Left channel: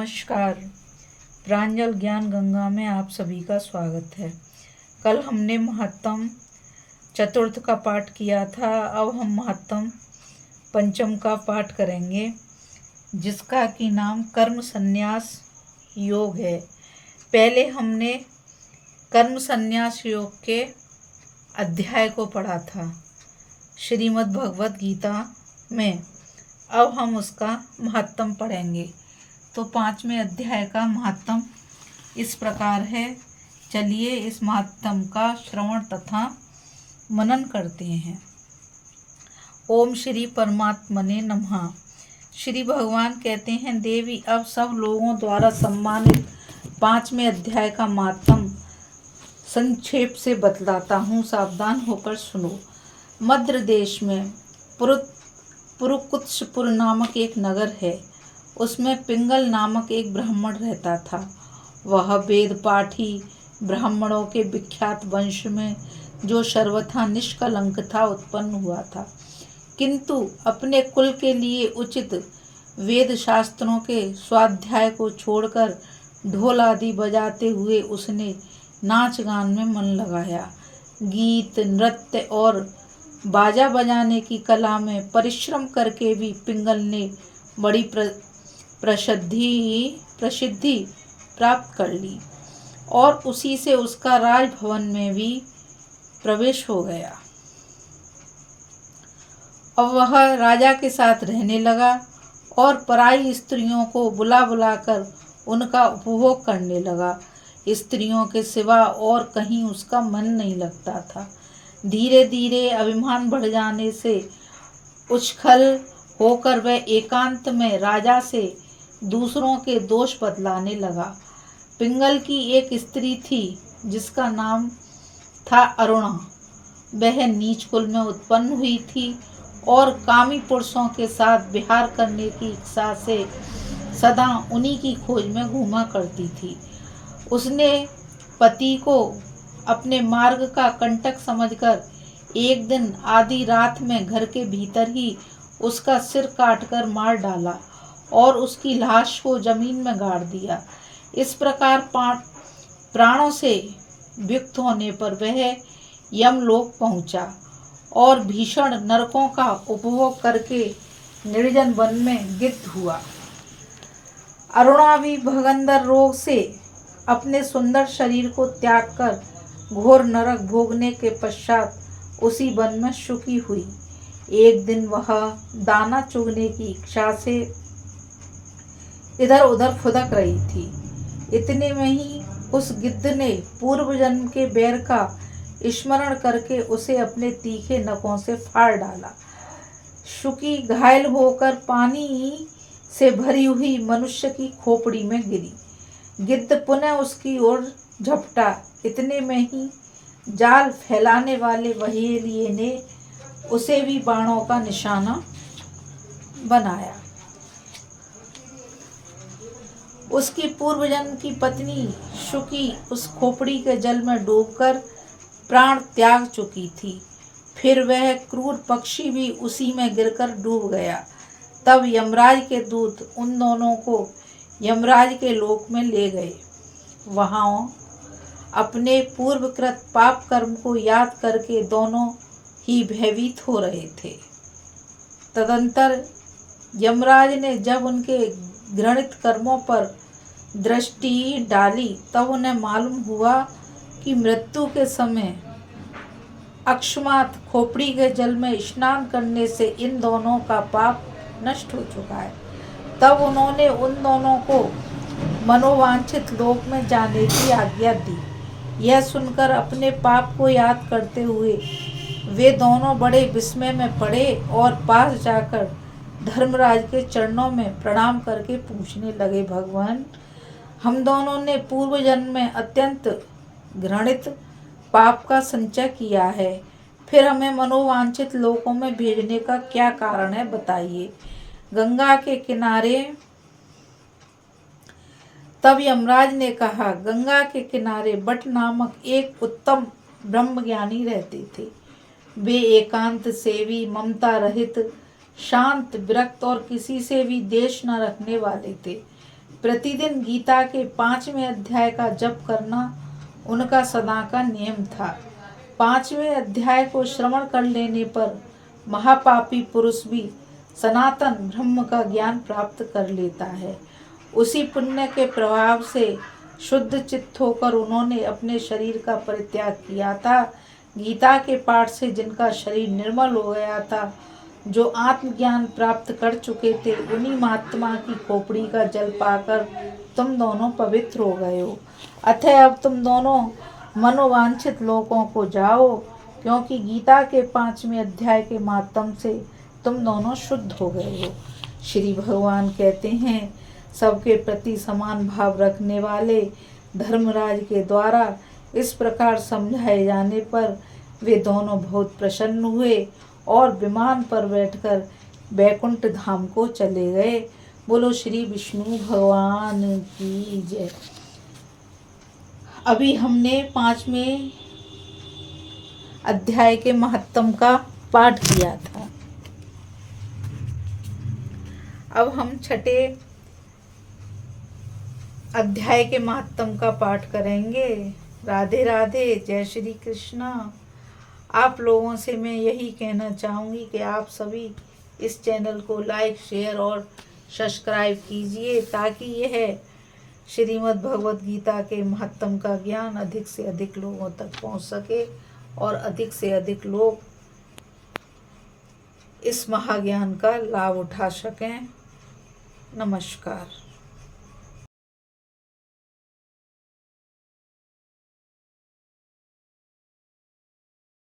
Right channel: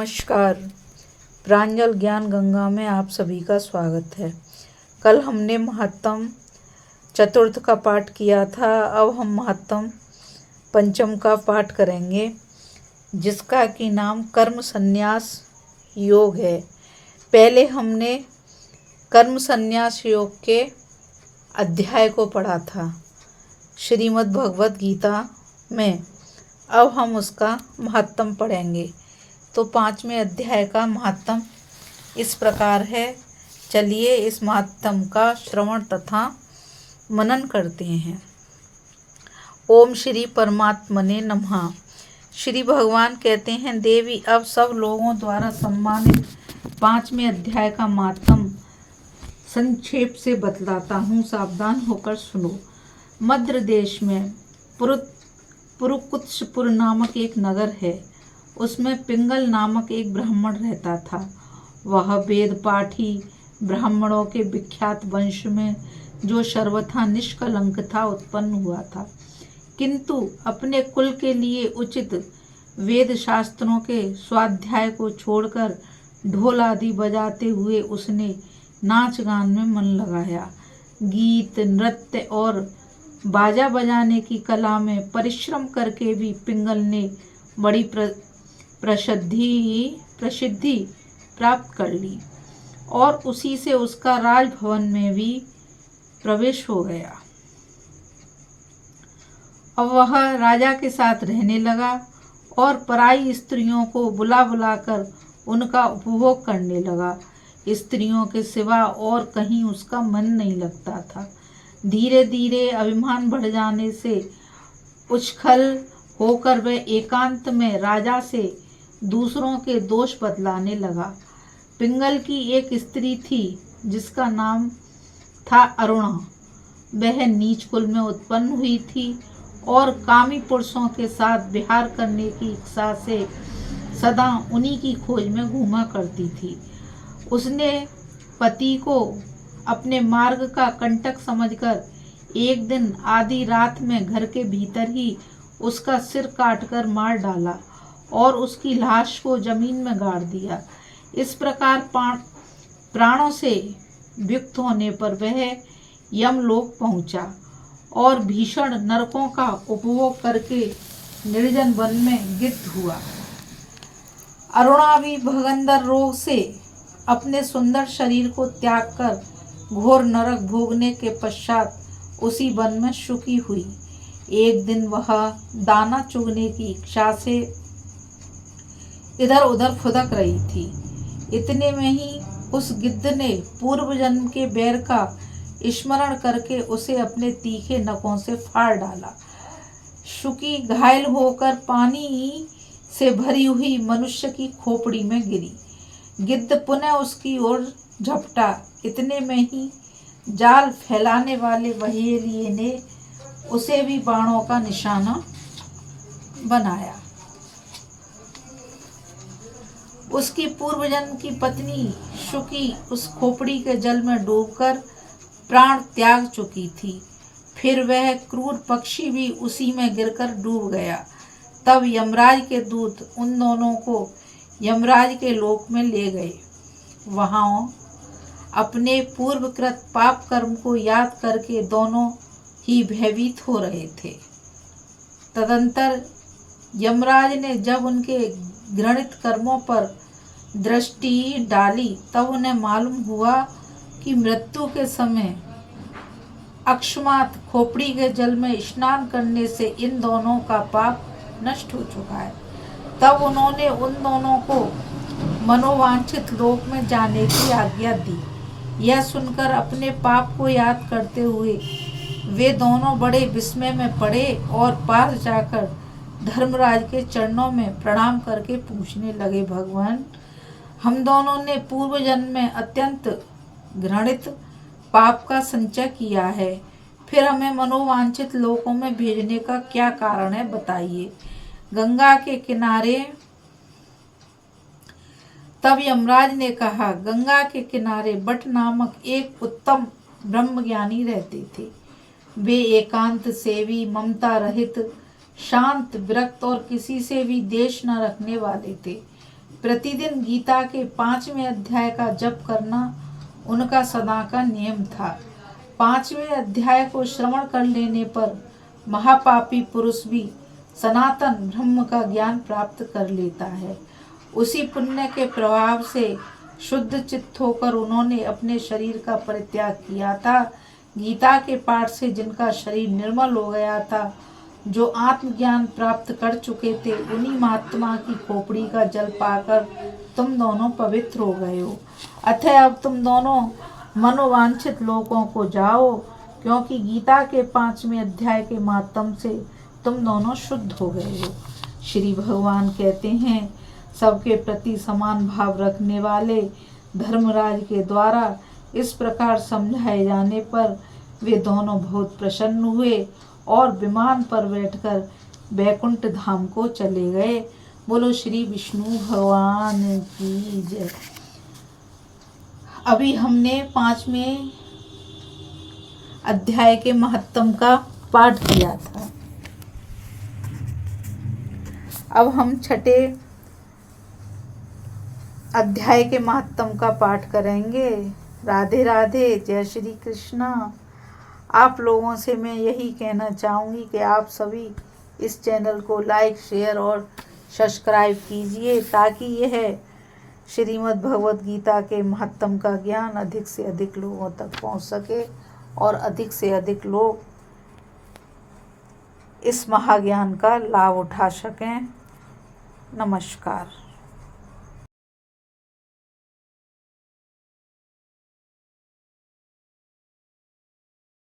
नमस्कार। प्रांजल ज्ञान गंगा में आप सभी का स्वागत है। कल हमने महत्तम चतुर्थ का पाठ किया था। अब हम महत्तम पंचम का पाठ करेंगे, जिसका कि नाम कर्म संन्यास योग है। पहले हमने कर्म संन्यास योग के अध्याय को पढ़ा था श्रीमद् भगवत गीता में। अब हम उसका महत्तम पढ़ेंगे। तो 5वें अध्याय का महत्तम इस प्रकार है। चलिए इस महत्तम का श्रवण तथा मनन करते हैं। ओम श्री परमात्मने नमः। श्री भगवान कहते हैं, देवी अब सब लोगों द्वारा सम्मानित 5वें अध्याय का महत्तम संक्षेप से बतलाता हूँ, सावधान होकर सुनो। मध्य देश में पुरुकुत्सपुर नामक एक नगर है। उसमें पिंगल नामक एक ब्राह्मण रहता था। वह वेद पाठी ब्राह्मणों के विख्यात वंश में, जो सर्वथा निष्कलंक था, उत्पन्न हुआ था। किंतु अपने कुल के लिए उचित वेद शास्त्रों के स्वाध्याय को छोड़कर ढोल आदि बजाते हुए उसने नाच गान में मन लगाया। गीत, नृत्य और बाजा बजाने की कला में परिश्रम करके भी पिंगल ने बड़ी प्रसिद्धि प्राप्त कर ली और उसी से उसका राजभवन में भी प्रवेश हो गया। अब वह राजा के साथ रहने लगा और पराई स्त्रियों को बुला बुलाकर उनका उपभोग करने लगा। स्त्रियों के सिवा और कहीं उसका मन नहीं लगता था। धीरे धीरे अभिमान बढ़ जाने से उछल होकर वह एकांत में राजा से दूसरों के दोष बतलाने लगा। पिंगल की एक स्त्री थी जिसका नाम था अरुणा। वह नीच कुल में उत्पन्न हुई थी और कामी पुरुषों के साथ विहार करने की इच्छा से सदा उन्हीं की खोज में घूमा करती थी। उसने पति को अपने मार्ग का कंटक समझकर एक दिन आधी रात में घर के भीतर ही उसका सिर काटकर मार डाला और उसकी लाश को जमीन में गाड़ दिया। इस प्रकार प्राणों से वियुक्त होने पर वह यमलोक पहुंचा और भीषण नरकों का उपभोग करके निर्जन वन में गिद्ध हुआ। अरुणा भी भगंदर रोग से अपने सुंदर शरीर को त्याग कर घोर नरक भोगने के पश्चात उसी वन में सुखी हुई। एक दिन वह दाना चुगने की इच्छा से इधर उधर फुदक रही थी। इतने में ही उस गिद्ध ने पूर्व जन्म के बैर का स्मरण करके उसे अपने तीखे नखों से फाड़ डाला। शुकी घायल होकर पानी से भरी हुई मनुष्य की खोपड़ी में गिरी। गिद्ध पुनः उसकी ओर झपटा। इतने में ही जाल फैलाने वाले बहेलिये ने उसे भी बाणों का निशाना बनाया। उसकी पूर्व जन्म की पत्नी शुकी उस खोपड़ी के जल में डूबकर प्राण त्याग चुकी थी। फिर वह क्रूर पक्षी भी उसी में गिरकर डूब गया। तब यमराज के दूत उन दोनों को यमराज के लोक में ले गए। वहां अपने पूर्वकृत पाप कर्म को याद करके दोनों ही भयभीत हो रहे थे। तदंतर यमराज ने जब उनके घृणित कर्मों पर दृष्टि डाली, तब उन्हें मालूम हुआ कि मृत्यु के समय अकस्मात खोपड़ी के जल में स्नान करने से इन दोनों का पाप नष्ट हो चुका है। तब उन्होंने उन दोनों को मनोवांछित लोक में जाने की आज्ञा दी। यह सुनकर अपने पाप को याद करते हुए वे दोनों बड़े विस्मय में पड़े और पास जाकर धर्मराज के चरणों में प्रणाम करके पूछने लगे, भगवान, हम दोनों ने पूर्व जन्म में अत्यंत घृणित पाप का संचय किया है, फिर हमें मनोवांछित लोकों में भेजने का क्या कारण है, बताइए। गंगा के किनारे तब यमराज ने कहा, गंगा के किनारे बट नामक एक उत्तम ब्रह्मज्ञानी रहते थे। वे एकांत सेवी, ममता रहित, शांत, विरक्त और किसी से भी द्वेष न रखने वाले थे। प्रतिदिन गीता के 5वें अध्याय का जप करना उनका सदा का नियम था। 5वें अध्याय को श्रवण कर लेने पर महापापी पुरुष भी सनातन ब्रह्म का ज्ञान प्राप्त कर लेता है। उसी पुण्य के प्रभाव से शुद्ध चित्त होकर उन्होंने अपने शरीर का परित्याग किया था। गीता के पाठ से जिनका शरीर निर्मल हो गया था, जो आत्मज्ञान प्राप्त कर चुके थे, उन्हीं महात्मा की खोपड़ी का जल पाकर तुम दोनों पवित्र हो गए हो। अतः अब तुम दोनों मनोवांछित लोकों को जाओ, क्योंकि गीता के 5वें अध्याय के माध्यम से तुम दोनों शुद्ध हो गए हो। श्री भगवान कहते हैं, सबके प्रति समान भाव रखने वाले धर्मराज के द्वारा इस प्रकार समझाए जाने पर वे दोनों बहुत प्रसन्न हुए और विमान पर बैठकर बैकुंठ धाम को चले गए। बोलो श्री विष्णु भगवान की जय। अभी हमने 5वें अध्याय के महत्तम का पाठ किया था। अब हम 6ठे अध्याय के महत्तम का पाठ करेंगे। राधे राधे, जय श्री कृष्णा। आप लोगों से मैं यही कहना चाहूँगी कि आप सभी इस चैनल को लाइक, शेयर और सब्सक्राइब कीजिए, ताकि यह श्रीमद् भगवद गीता के महत्तम का ज्ञान अधिक से अधिक लोगों तक पहुँच सके और अधिक से अधिक लोग इस महाज्ञान का लाभ उठा सकें। नमस्कार।